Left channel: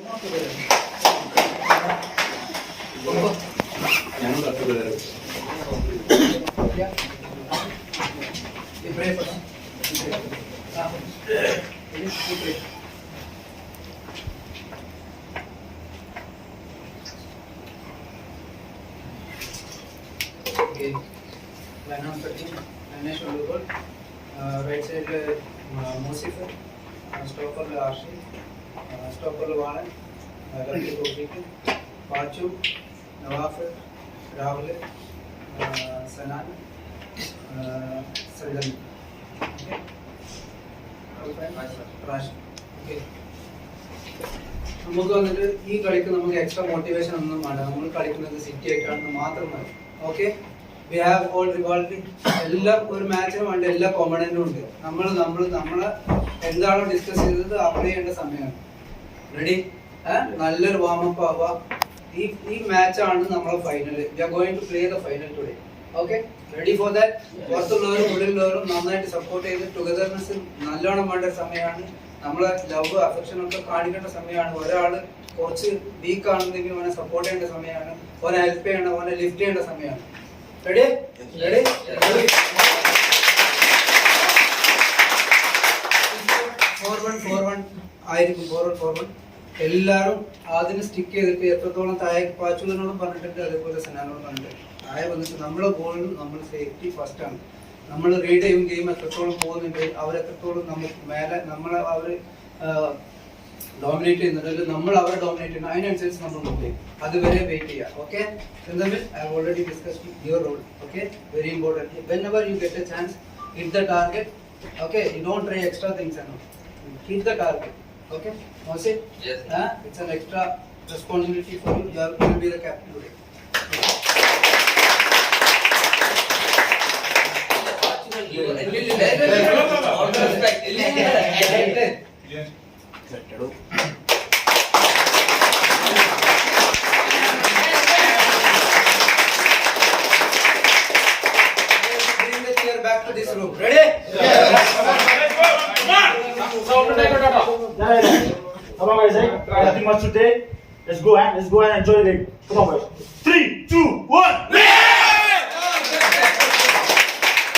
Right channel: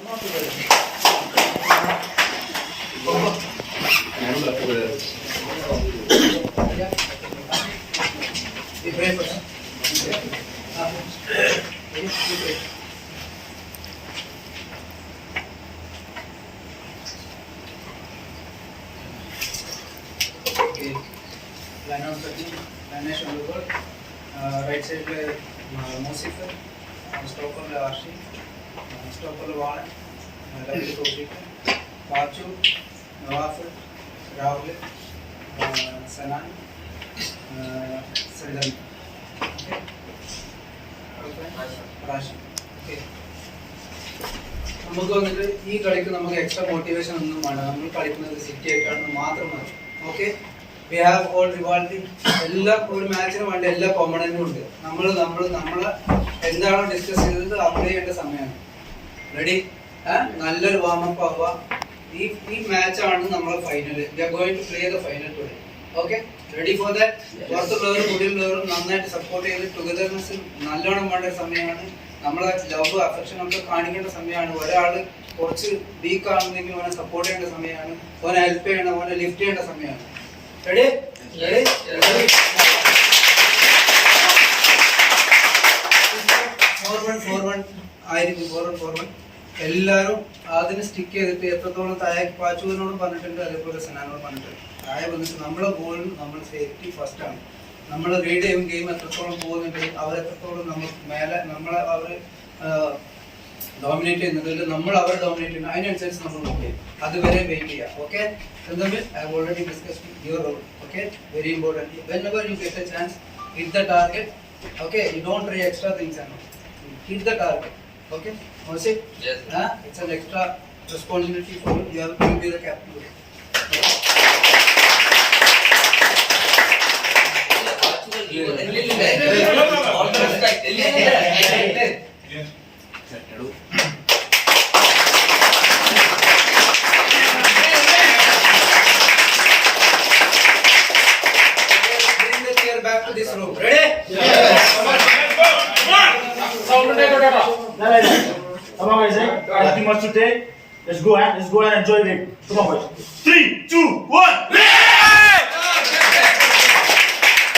right side Mosif, stopper Arshi, stopper Valan, Lovely Tofik, Pachu, Nawaf, Rahul, Sanan, Sadan. Rashi. Okay. നമുക്ക് വന്നിട്ട് ഈ കളിക്ക് നമുക്ക് extra motivation ഒന്നും വേണ്ട. നമ്മൾ കളിക്കുന്നത് സിറ്റി ആയിട്ടാണ് മാത്രമാണ്. ഓക്കെ, വി ഹാവ് ഓൾ റിവാൾഡ് എല്ലാം ഒരു മാച്ചിന് വേണ്ട എല്ലാ കോമ്പണന്റും ഉണ്ട്. നമ്മളെ എന്താണോ ഡിസ്കസ് ചെയ്തത് അപ്ലൈ ചെയ്യേണ്ട സമയമാണ്. റെഡി? നല്ലൊരു വാമപ്പ് ആവുക. ഈ മാച്ചാണ് നമ്മളെ final. We are going to play the final today. Okay, ready for that? പുറത്തുള്ളവരും ഉള്ളിലുള്ളവരും നന്നായിട്ട് സപ്പോർട്ട് ചെയ്ത് ടുഗദർനെസ് നല്ലോണം വേണ്ട ഒരു സമയമാണ്. നമ്മളെ ലവ് അഫെക്ഷൻ ഒക്കെ കാണിക്കേണ്ട സമയമാണ്. ഒരാള് കുറച്ച് വീക്ക് ആണെന്നെങ്കിൽ അവനെ സപ്പോർട്ട് ചെയ്യേണ്ട സമയമാണ്. ഓനെ ഹെൽപ്പ് ചെയ്യണം, ഓനെ ലിഫ്റ്റ് ചെയ്യേണ്ട സമയമാണ്. റെഡി? റെഡി? 4-1 ആയിരിക്കും. 4-1 എല്ലാവരും അതിന് സ്റ്റിക്ക് ചെയ്തിട്ട് എത്രത്തോളം താഴേക്ക് പാച്ചുവിനോടും പറഞ്ഞിട്ടുണ്ട്, അതേപോലെ സനാനോടും പറഞ്ഞിട്ടുണ്ട്. താഴെ വന്നിട്ട് നമ്മളെ ഗോളിൽ നമ്മൾ സേഫ്റ്റി ഫസ്റ്റ് ആണ്. നമ്മൾ റീഡ് ചെയ്യും ഗെയിം എത്രത്തോളം പോകുന്നുണ്ട്, അവരെത്രത്തോളം നമുക്ക് മേലെ നമ്മളെ അവർ ഡോമിനേറ്റ് ചെയ്യുന്നുണ്ട്, നമ്മൾ അവരെ ഡോമിനേറ്റ് ചെയ്യുന്നു, അതിനനുസരിച്ച് നമ്മൾ നോക്ക് ചെയ്യും. അതുവരെ വെയിറ്റ് ചെയ്യുക. Okay, I have already discussed your role. Okay, very important. whenever you get a chance, hit the target. Okay, you don't try extra things and all. Hit the target. Okay, was it? Yes. It's an extra responsibility for you. You have to be the captain today. Bring the chair back to this room. Ready? Come on guys, nothing much today. Let's go and enjoy the game. Come on guys. 3, 2, 1.